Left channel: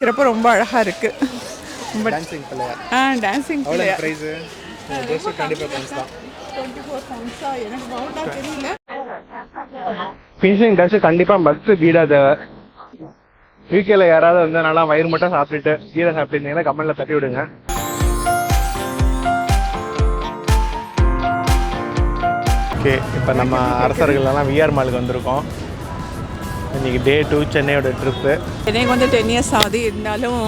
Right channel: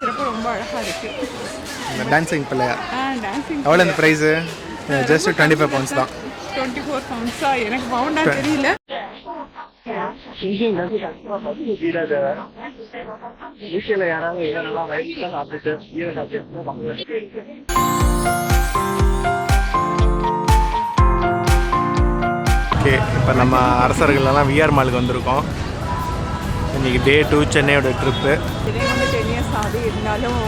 சிறப்பு ரொம்ப அழகாக இருக்குது. டான்சிங் பிள்ளையா? டான்சிங் எவ்வளோ இந்த ப்ரைஸு? ஜஸ்ட் 25 pounds தான். 24 pounds எனக்கு பவுண்டா தெரியல. ஃபினிஷிங் டச் கண்டிப்பாக மஸ்ட்டு கீடா தேவை. யூகேல யாராவது வந்து நல்லா வயிறு மட்டும் சாப்பிட்டுட்டு கீரை சாப்பிட்டுருந்தீங்கன்னா கமெண்ட்ல தட்டி விடுங்க. ஓகே, இப்போ நம்ம அரசர்கள்லாம் விஆர் மாலுக்கு வந்திருக்கோம். இன்னைக்கு டே 2 சென்னையோட ட்ரிப்பு. எனக்கு வந்து 10 years ஆகுது. இருந்தாலும்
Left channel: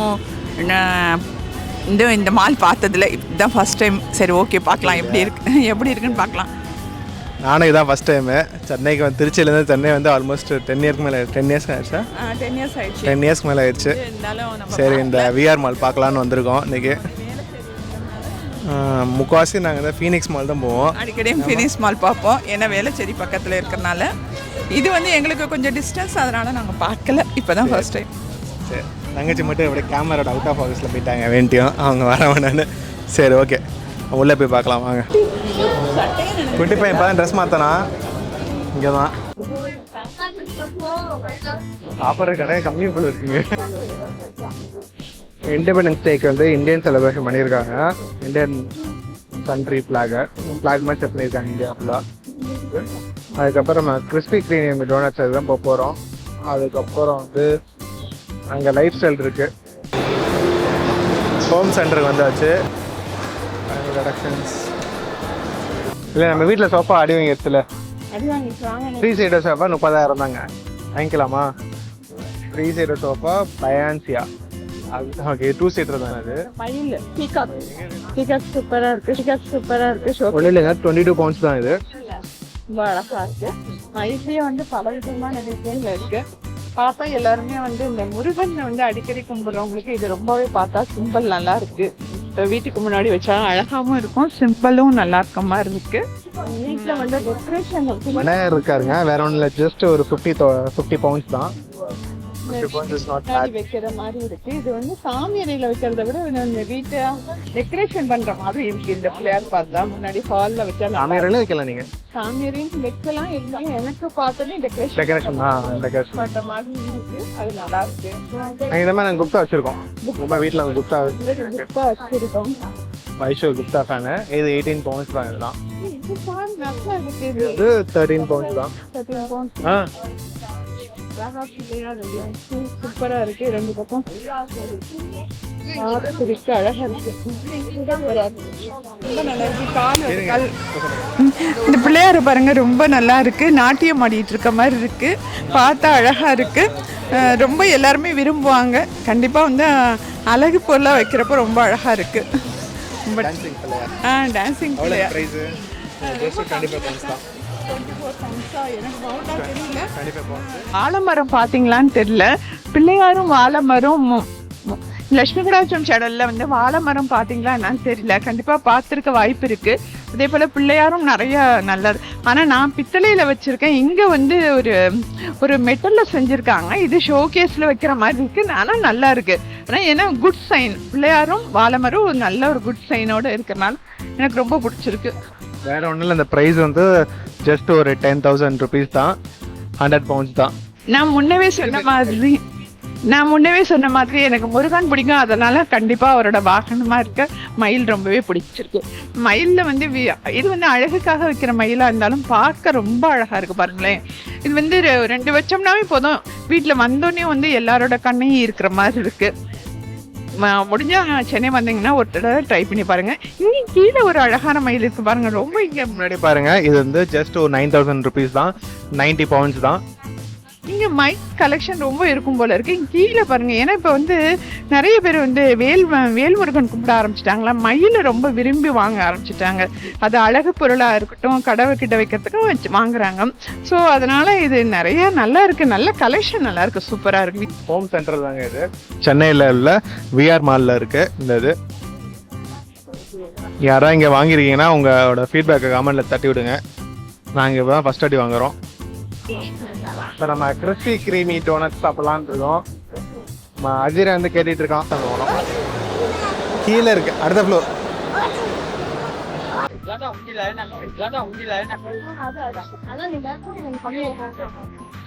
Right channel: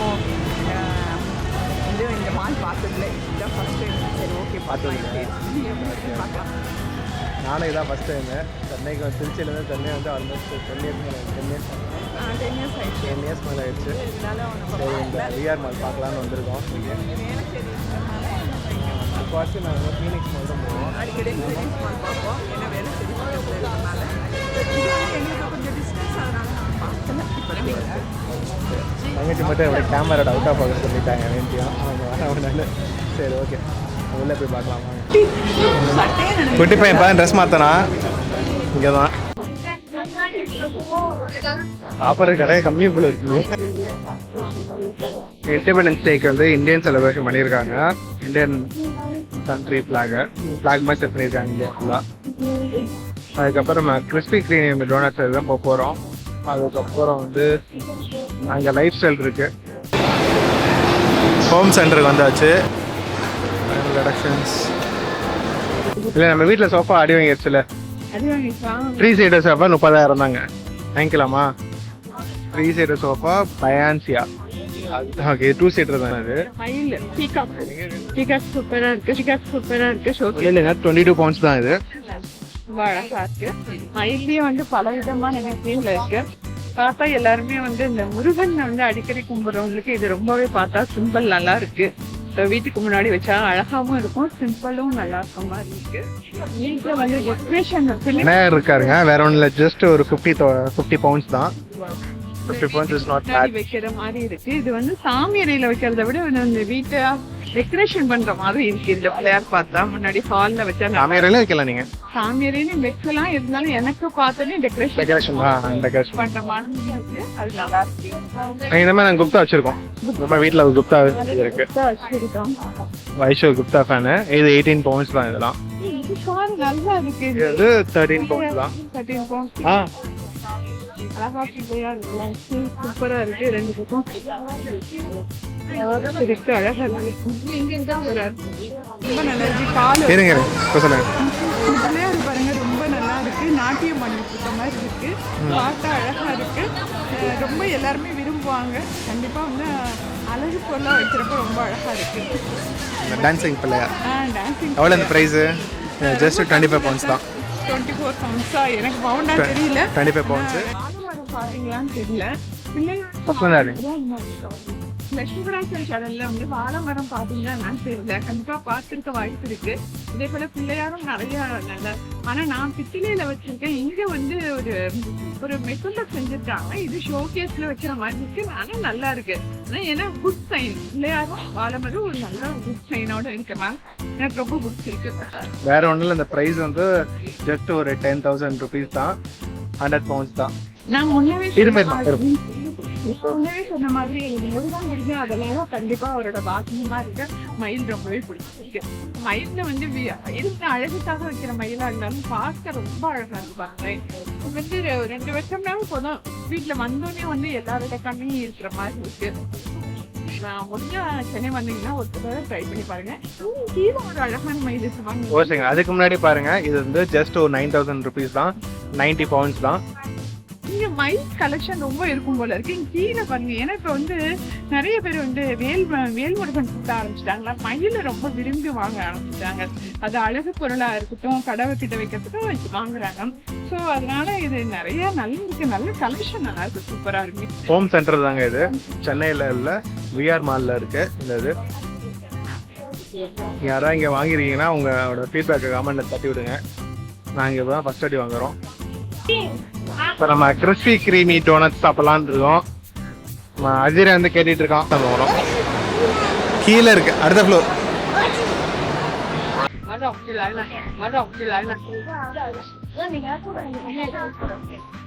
இந்த மால் பார்த்ததில்ல. இதுதான் ஃபர்ஸ்ட் டைம். சரி, ஓகே, பார்க்கலாம் எப்படி இருக்குன்னு பார்க்கலாம். நானும் இதான் ஃபஸ்ட் டைமு சென்னைக்கு வந்து. திருச்சியிலேருந்து சென்னை வந்து ஆல்மோஸ்ட் 10 years மேலே 10 years ஆயிடுச்சா? 10 years மேலே ஆயிடுச்சு. சரி, இந்த விஆர் மால் பார்க்கலான்னு வந்திருக்கோம் இன்றைக்கி. முக்கால்வாசி நாங்கள் தான் ஃபீனிக்ஸ் மால் தான் போவோம். அடிக்கடி ஃபீனிக்ஸ் மால் பார்ப்போம். ஏன்னா வேலைச்சேரி பக்கத்தில் இருக்கிறனால. இது வந்து எங்களுக்கு கொஞ்சம் டிஸ்டன்ஸ், அதனால் நாங்கள் பார்க்கல. இப்போ தான் ஃபர்ஸ்ட் டைம். தங்கச்சி மட்டும் எப்படி கேமராட அவுட் ஆஃப் ஃபோக்கஸில் போயிட்டாங்க வேண்டியும் அவங்க வர வேண்டான்னு. சரி, ஓகே, உள்ளே போய் பார்க்கலாம் வாங்க. குட்டி பையன் தான் ட்ரெஸ் மாற்றனா இங்கே தான் சாப்பிட்ற கடை கம்மி போல இருக்குங்க. இண்டிபெண்டன்ஸ் டேக்கு வந்து இந்தியன் செலிப்ரேஷன் பண்ணியிருக்காங்க. இந்தியன் கண்ட்ரி ஃப்ளாக் மாதிரி செப்பரேட்டாங்க இந்தியாவில். அதுக்கப்புறம் நம்ம கிறிஸ்பி கிரீம் டோனட்ஸ் அதுதான் போக போகிறோம். அதுக்கப்புறம் வந்து அங்கே லைஃப் ஸ்டைல் இருக்குது. ஹோம் சென்டருக்கு வந்தாச்சு. இல்லை, நம்ம வீட்டில் சோஃபா அடி வாங்கிடுச்சுல, 3 சீட்டர் சோஃபா 30,000 தாங்க. வாங்கிக்கலாமா? 3 சீட்டர் சோஃபா பயான்சியா. ஓகே, 2 சீட்டர் தானே அது. 22 pounds தான் இது. அழகா இருக்கு. மயிலே வந்து பல விதமான டிசைன்ல இருக்கு. பார்த்தா எல்லாருமே வந்து இந்த முருகன் வந்து அடிக்கடி கும்பிடுறவங்களுக்கு இது ரொம்பவே பார்த்தா சிம்பிள் நல்லா இருக்கு. வீட்டுக்கு முன்னாடி வச்சா அழகாவும் இருக்கும், சிம்பிளும் நல்லா இருக்க மாதிரி இருக்கு. வீட்டுல வந்து டெக்கரேஷன் விநாயகர் இருக்காருங்க. வேற ஒன்றும் இல்லை, ஜஸ்ட் ஒரு 50 pounds தான். 50 pounds is not bad. வைக்கிற மாதிரி இருக்கு. இது வந்து சாமி அறையில வைக்கிறத விட இந்த வீட்டை டெக்கரேஷன் பண்ற மாதிரி இருக்கு. இந்த பிள்ளையார் பார்த்தா முன்னாடி ஹால்ல வச்சா சாமி அறையில வைக்கலாம். நீங்க சாமி அறையில வைக்கலாம். இருந்தாலும் எனக்கு பார்த்தோன்னே டெக்கரேஷன் பண்ற மாதிரி இருக்கு. அது நல்லா இருக்கு. இந்த மாதிரி நாங்கள் குப்தா வச்சிருக்கோம். நம்ம வீட்டில் குப்தா இருக்கு. வைஷோ குப்தா ஃபேனு. இது 18 pounds தான். இதெல்லாம் நல்லா இருக்கு. இது 13 pounds தான். 13 pounds. சூப்பரா இருக்கு. 2 பக்கம் இந்த பிள்ளையாரு பாருங்க, ரொம்ப நல்லா இருக்கு. நாட்டியம் ஆடிட்டு இருக்க மாதிரி இருக்கு. பார்த்தா அழகா இருக்கு. ரொம்ப எல்லாருமே விரும்புவாங்க. கண்டிப்பா வந்து அழகு பொருளா வைக்கிறப்ப ரொம்ப அழகா இருக்கு. டான்சிங் பிள்ளையா? டான்சிங். எவ்வளோ இந்த ப்ரைஸு? ஜஸ்ட் 25 pounds தான். 24 pounds எனக்கு பவுண்டா தெரியல. 25 pounds. ஆலமரம் பாத்தீங்களான்னு தெரியல. பிள்ளையாரும் வாழைமரம். லட்சுமி கடாட்சம் சேனல்ல வந்து வாழைமரம் பாத்தீங்களா என்னன்னு தெரியல. கண்டிப்பா பார்த்துருக்க வாய்ப்பு இருக்கு. அதே போல பிள்ளையாரும் நிறைய நல்லது. ஆனா நான் பித்தளையில வச்சிருக்கேன். இங்க வந்து ஒரு மெட்டல்ல செஞ்சிருக்காங்க. இது ஷோகேஸ்ல வைக்கிற மாதிரி இருக்கு. ஆனா நல்லா இருக்கு. ஆனா ஏன்னா குட் சைன். பிள்ளையாரும் வாழைமரம் நல்ல ஒரு குட் சைனோட இருக்கனால எனக்கு ரொம்ப பிடிச்சிருக்கு. வேற ஒன்றும் இல்லை, இந்த ப்ரைஸ் வந்து ஜஸ்ட் ஒரு 10,000 rupees தான். 100 pounds தான். நான் முன்னவே சொன்ன மாதிரி எனக்கு முருகன் பிடிக்கும். அதனால கண்டிப்பா அவரோட வாகனமா இருக்க மயில் ரொம்பவே பிடிச்சிருக்கு. மயில்ல வந்து இது வந்து அழகுக்காக வைக்கிற மயிலா இருந்தாலும் பார்க்க ரொம்ப அழகா இருக்கு. பாருங்களேன், இது வந்து 2 வச்சோம்னாவே போதும். வீட்டுல வந்தோடனே வந்து எல்லாரோட கண்ணையும் இருக்கிற மாதிரி இருக்கு. முடிஞ்சா சென்னை வந்தீங்கன்னா ஒரு தடவை ட்ரை பண்ணி பாருங்க. இங்க கீழே ஒரு அழகான மயில் இருக்கு பாருங்க. அதுக்கு முன்னாடி பாருங்க, இது வந்து ஜஸ்ட் ஒரு 9,000 rupees தான். 90 pounds தான். இங்க மயில் கலெக்ஷன் ரொம்ப இருக்கும் போல இருக்கு. கீழே பாருங்க. ஏன்னா இப்ப வந்து நிறைய பேர் வந்து வேல்முருகன் கும்பிட ஆரம்பிச்சிட்டாங்களா. மயில் ரொம்ப விரும்பி வாங்க ஆரம்பிச்சிட்டாங்க. அது அழகு பொருளா இருக்கட்டும், கடவை கிட்ட வைக்கிறதுக்கும் வாங்குறாங்க. ஸோ அதனால இது நிறைய நல்லா இருக்கு. நல்ல கலெக்ஷன் நல்லா இருக்கு. சூப்பரா இருக்கு. ஹோம் சென்டர் தாங்க இது. சென்னையில உள்ள விஆர் மால்ல இருக்கு இந்த இது. யாரா இங்க வாங்கிருக்கீங்கன்னா உங்களோட ஃபீட்பேக்கை கமெண்ட்ல தட்டி விடுங்க. நாங்கள் இப்போ தான் ஃபர்ஸ்ட் அடி வாங்குறோம். இப்போ நம்ம கிறிஸ்பி கிரீமி டோனட்ஸ் சாப்பிடலான்னு இருக்கோம். அஜிரா வந்து கேட்டுட்டு இருக்கான். கீழே இருக்கு, அடுத்த ஃப்ளோர்.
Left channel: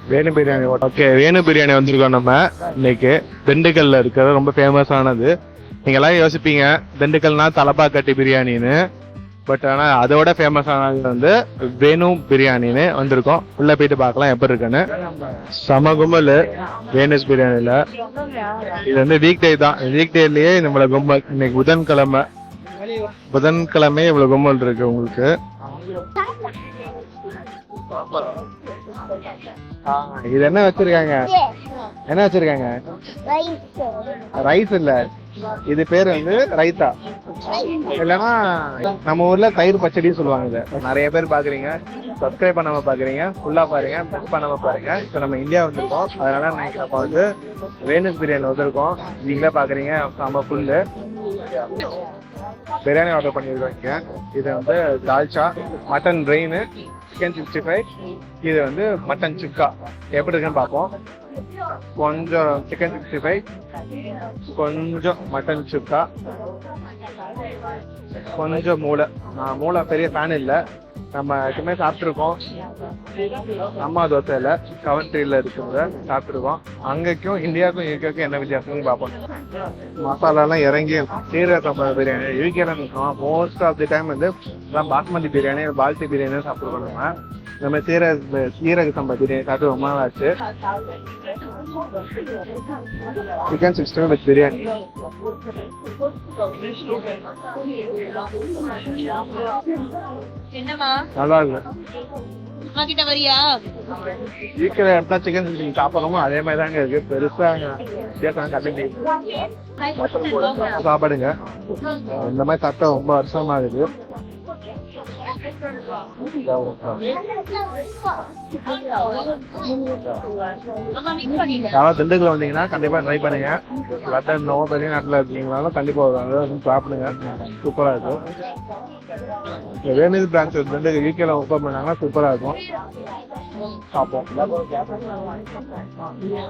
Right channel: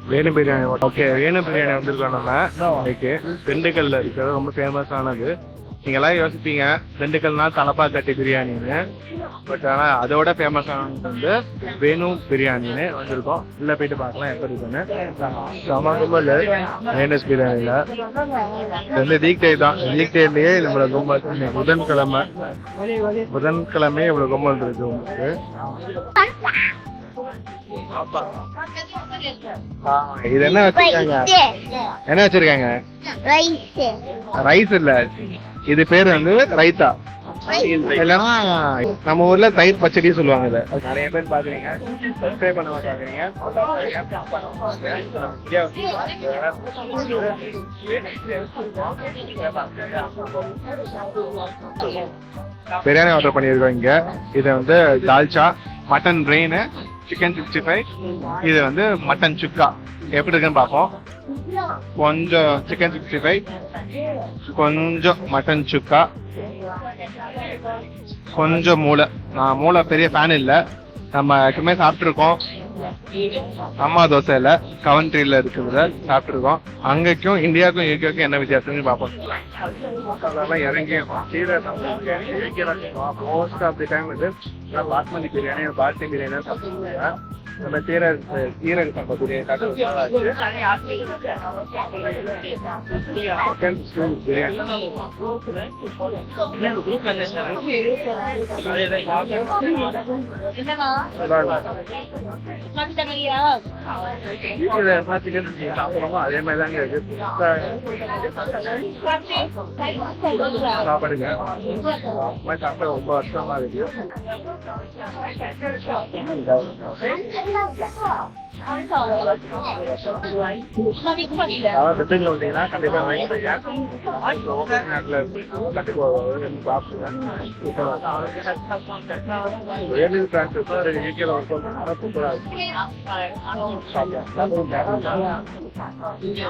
வேணு பிரியாணி. ஓகே, வேணு பிரியாணி வந்திருக்கோம் நம்ம இன்னைக்கு. திண்டுக்கல்ல இருக்கிறது ரொம்ப ஃபேமஸானது. நீங்க எல்லாம் யோசிப்பீங்க திண்டுக்கல்னா தலப்பாக்கட்டி பிரியாணின்னு, பட் ஆனா அதோட ஃபேமஸானது வந்து வேணு பிரியாணின்னு வந்திருக்கோம். உள்ள போயிட்டு பார்க்கலாம் எப்படி இருக்குன்னு. சம கும்பல் வேணுஸ் பிரியாணில. இது வந்து வீக் டே தான். வீக் டேலயே நம்மள கும்பல். இன்னைக்கு புதன்கிழமை இவ்வளவு கும்பல் இருக்கு உங்களுக்கு. இது என்ன வச்சிருக்காங்க? என்ன வச்சிருக்காங்க? ரைஸ் இல்ல, இது பேர் வந்து ரைத்தா. இல்லைன்னா நம்ம ஊர்ல தயிர் பச்சடி சொல்லுவாங்க. இதை நிறைய பேர் பாக்குறீங்க, சப்ஸ்கிரைப் பண்ணாம பாக்குறீங்க, ஃபுல்லா பாருங்க, மிஸ் பண்ணாம பாருங்க. இப்போ நம்ம இந்தியா வந்திருக்கோம், அதனால நம்ம வந்து வேணுஸ் பிரியாணி வந்திருக்கோம். நீங்களே பாக்குறீங்க நம்ம ஃபுல்லு பிரியாணி ஆர்டர் பண்ணியிருக்கோம் இங்க. இது வந்து தால்ச்சா, மட்டன் பிரெயின், சிக்கன் 65, இது வந்து மட்டன் சுக்கா. எப்படி இருக்குன்னு பார்ப்போம். கொஞ்சம் சிக்கன் 65, கொஞ்சம் மட்டன் சுக்கா, கொஞ்சம் மூளை. நான் மூளை பெரிய ஃபேன் இல்லை, நம்ம எப்பவுமே சாப்பிட்ருக்கோம். அம்மா தோசையில கவன்ட்ரியில இருக்கிறத சாப்பிட்ருக்கோம். அங்கேக்கும் இந்தியாவுக்கும் யூகேக்கும் என்ன வித்தியாசம்னு பார்ப்போம். மசாலாலாம் இறங்கி சீரக சம்பா பிரியாணி யூகேல நிற்கும். மோஸ்ட் ஆஃப் தி டைம் வந்து பாஸ்மதி பிரியாணி, பால்டி பிரியாணி சாப்பிட்டுருக்கோம். நம்ம சீரக சம்பா பிரியாணி சாப்பிட்டு ரொம்ப நாள் ஆச்சு. சிக்கன் 60 வித் பிரியாணி நல்லா இருக்கும். வீட்டுல இடத்துல சிக்கன் 60 சாப்பிட்றோமோ அதே மாதிரி தாங்க இருக்கு. பெருசா வித்தியாசம் கண்டிப்பா சாப்பாடுங்க. அந்த மாதிரி சாப்பிட்டா ரொம்ப வருஷமா இருக்கு. திண்டுக்கல் வந்தீங்கன்னா கண்டிப்பா ட்ரை பண்ணுங்க. நாட்டுல இருக்கீங்கனாலும் கண்டிப்பா சாப்பிடுங்க, சூப்பரா இருக்கும். வேணுஸ் பிரான்ச் திண்டுக்கல் யூகேல ஓப்பன் பண்ணாங்கன்னா சூப்பரா இருக்கும்.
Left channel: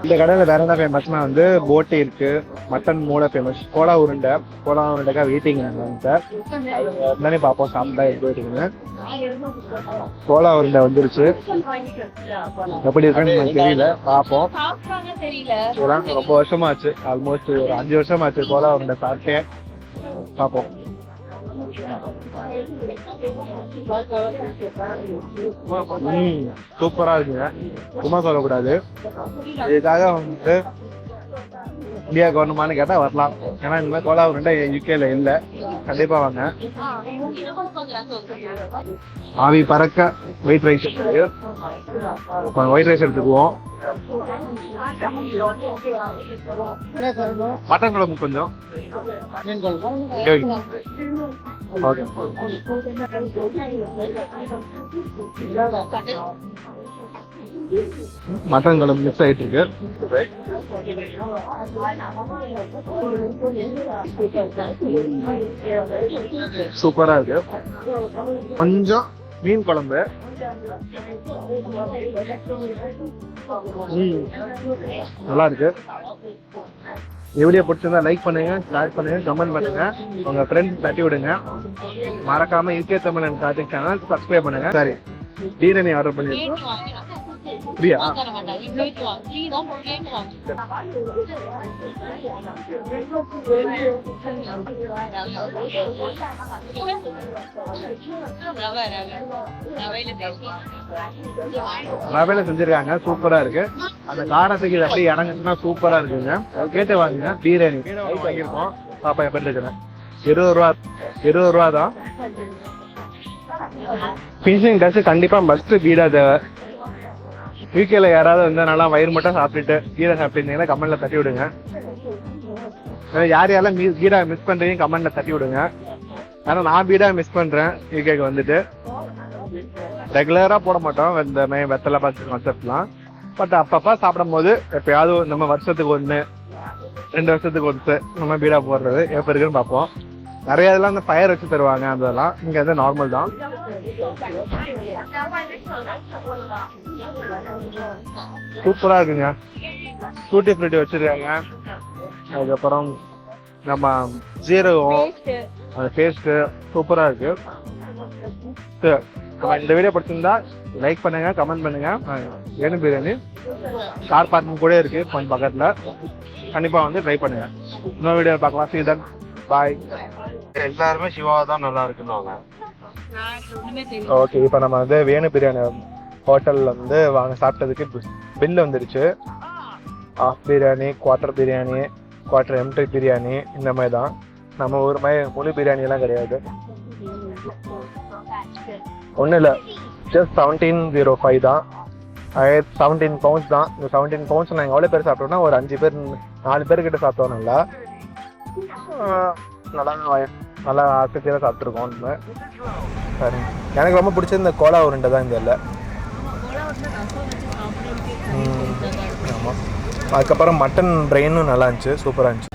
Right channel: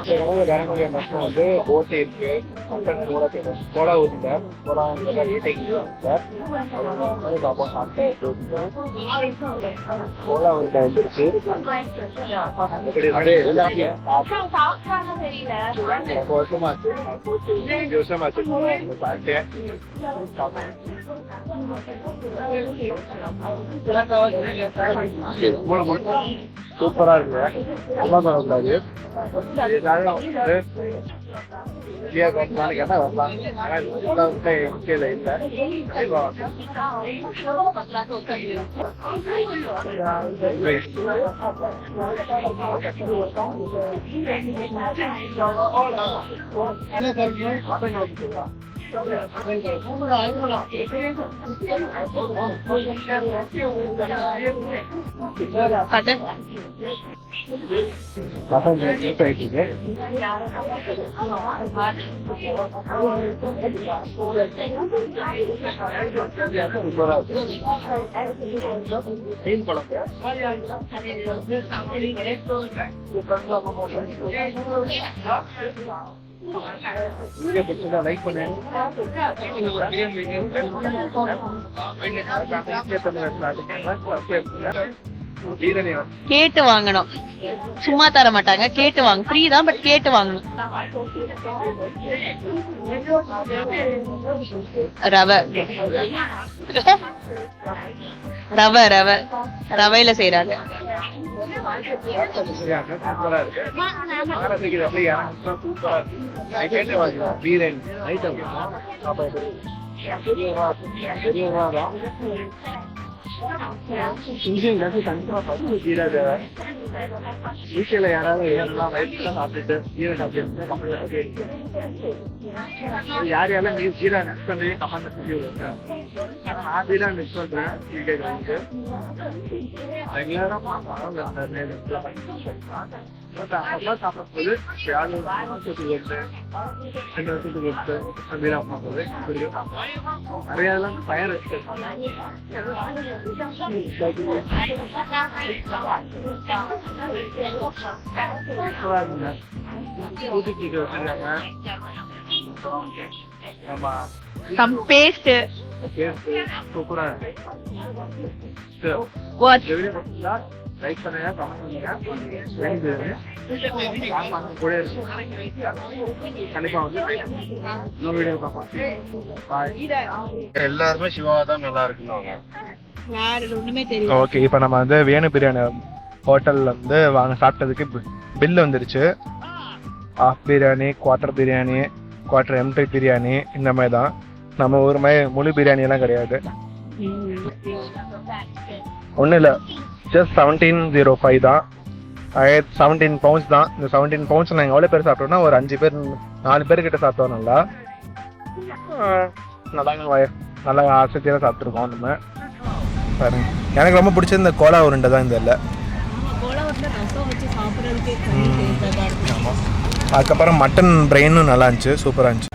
இந்த கடையில வேற என்ன ஃபேமஸ்னா வந்து போட்டி இருக்கு, மட்டன் மூளை ஃபேமஸ், கோலா உருண்டைக்கா வெயிட்டிங் என்னன்னு பார்ப்போம். சாப்பிட்டா எப்படி இருக்குன்னு. கோலா உருண்டை வந்துருச்சு, எப்படி இருக்குன்னு எனக்கு தெரியல, பார்ப்போம். ரொம்ப வருஷமா ஆச்சு, ஆல்மோஸ்ட் ஒரு 5 வருஷம் ஆச்சு கோலா உருண்டை சாப்பிட்டே. பார்ப்போம். சூப்பரா இருக்கு, சும்மா சொல்லக்கூடாது. இதுக்காக வந்து இந்தியாவுக்கு வரணுமான்னு கேட்டா வரலாம். ஏன்னா இந்த மாதிரி கோலா உருண்டை யூகேல இல்ல. கண்டிப்பா வாங்க. ஆவி பறக்க ஒயிட் ரைஸ் இருக்கு. ஒயிட் ரைஸ் எடுத்துக்குவோம். மட்டன் குழம்பு கொஞ்சம். மட்டன் குழம்பு மிக்ஸ் ஆயிட்டு இருக்கு. சூப்பரா இருக்கு. கொஞ்சம் மீன் குழம்பு நல்லா இருக்கு. வீடியோ பிடிச்சிருந்தா லைக் பண்ணுங்க, ஷேர் பண்ணுங்க, கமெண்ட் பண்ணுங்க, உங்க ஃப்ரெண்ட்ஸ் தட்டி விடுங்க. மறக்காம இன்கே தமிழ் கார்த்திக் சேனல் சப்ஸ்கிரைப் பண்ணுங்க. சரி, பிரியாணி ஆர்டர் பண்ணி கேட்டு வாங்கணும், சும்மா தர மாட்டாங்க. கேட்டு வாங்க, ஃப்ரீ தான், பட் கேட்டு வாங்கணும். ரவை ரவை ரவை ரவையில செய்யறாங்க. ரவையில செஞ்சிருக்காங்க, சூப்பரா இருக்கு. அந்த காரத்துக்கு இது அப்படியே இறங்குச்சுன்னா சூப்பரா இருக்குங்க. கேட்டு வாங்குங்க. பிரியாணி வாங்கியிருக்கோம். பாப்பா எப்படி இருக்குன்னு. 20 ரூபா தான். ஃபினிஷிங் டச் கண்டிப்பா மஸ்ட் பீடா தேவை. யூகேல யாராவது வந்து நல்லா வயிறு மட்டும் சாப்பிட்டுட்டு கீரை சாப்பிட்டுருந்தீங்கன்னா கமெண்ட்ல தட்டி விடுங்க. யாரெல்லாம் பீடா மிஸ் பண்றீங்க கமெண்ட்ல தட்டி விடுங்க. ஏன்னா நான் பீடா மிஸ் பண்றேன். யூகேக்கு வந்துட்டு ரெகுலரா போட மாட்டோம் இந்த வெத்தலை பாத்து கான்செப்ட்லாம். பட் அப்பப்ப சாப்பிடும் போது எப்பயாவது நம்ம வருஷத்துக்கு 1-2 வருஷத்துக்கு ஒருத்து நம்ம பீடா போடுறது எப்ப இருக்குன்னு பார்ப்போம். நிறைய இதெல்லாம் இந்த ஃபயர் வச்சு தருவாங்க, அதெல்லாம் இங்க வந்து நார்மல் தான். சூப்பரா இருக்குங்க. டூட்டி ஃப்ரூட்டி வச்சிருக்காங்க. அதுக்கப்புறம் நம்ம ஜீரகம் பேஸ்ட் சூப்பரா இருக்கு. இந்த வீடியோ பிடிச்சிருந்தா லைக் பண்ணுங்கள், கமெண்ட் பண்ணுங்கள். வேணும் பிரியாணி கார் பார்க்கிங் கூட இருக்குது கொஞ்சம் பக்கத்தில். கண்டிப்பாக வந்து ட்ரை பண்ணுங்கள். இன்னொரு வீடியோ பார்க்கலாம். See you then. பாய். எல்லாருமே சிவாவை தான் நல்லா இருக்குன்னு. ஓகே, இப்போ நம்ம வந்து வேணு பிரியாணி ஹோட்டலில் வந்து சாப்பிட்டதுக்கு பில் வந்துருச்சு. Half biryani, quarter biryani, quarter empty biryani, இந்த மாதிரி தான். நம்ம ஊர் மாதிரி முழு பிரியாணியெல்லாம் கிடையாது. ஒன்றும் இல்லை, ஜஸ்ட் 1705 தான். 17 பவுண்ட்ஸ் தான். இந்த 17 பவுண்ட்ஸ் நாங்கள் எவ்வளோ பேர் சாப்பிட்டோம்னா ஒரு 5 பேர் 4 பேர்கிட்ட சாப்பிட்டோம். நல்லா ஆசையாக சாப்பிட்ருக்கோம் நம்ம. சரி, எனக்கு ரொம்ப பிடிச்சது இந்த கோலா உருண்டை தான். இந்த இல்லை அதுக்கப்புறம் மட்டன் பிரெயினும் நல்லா இருந்துச்சு, சூப்பராக இருந்துச்சு.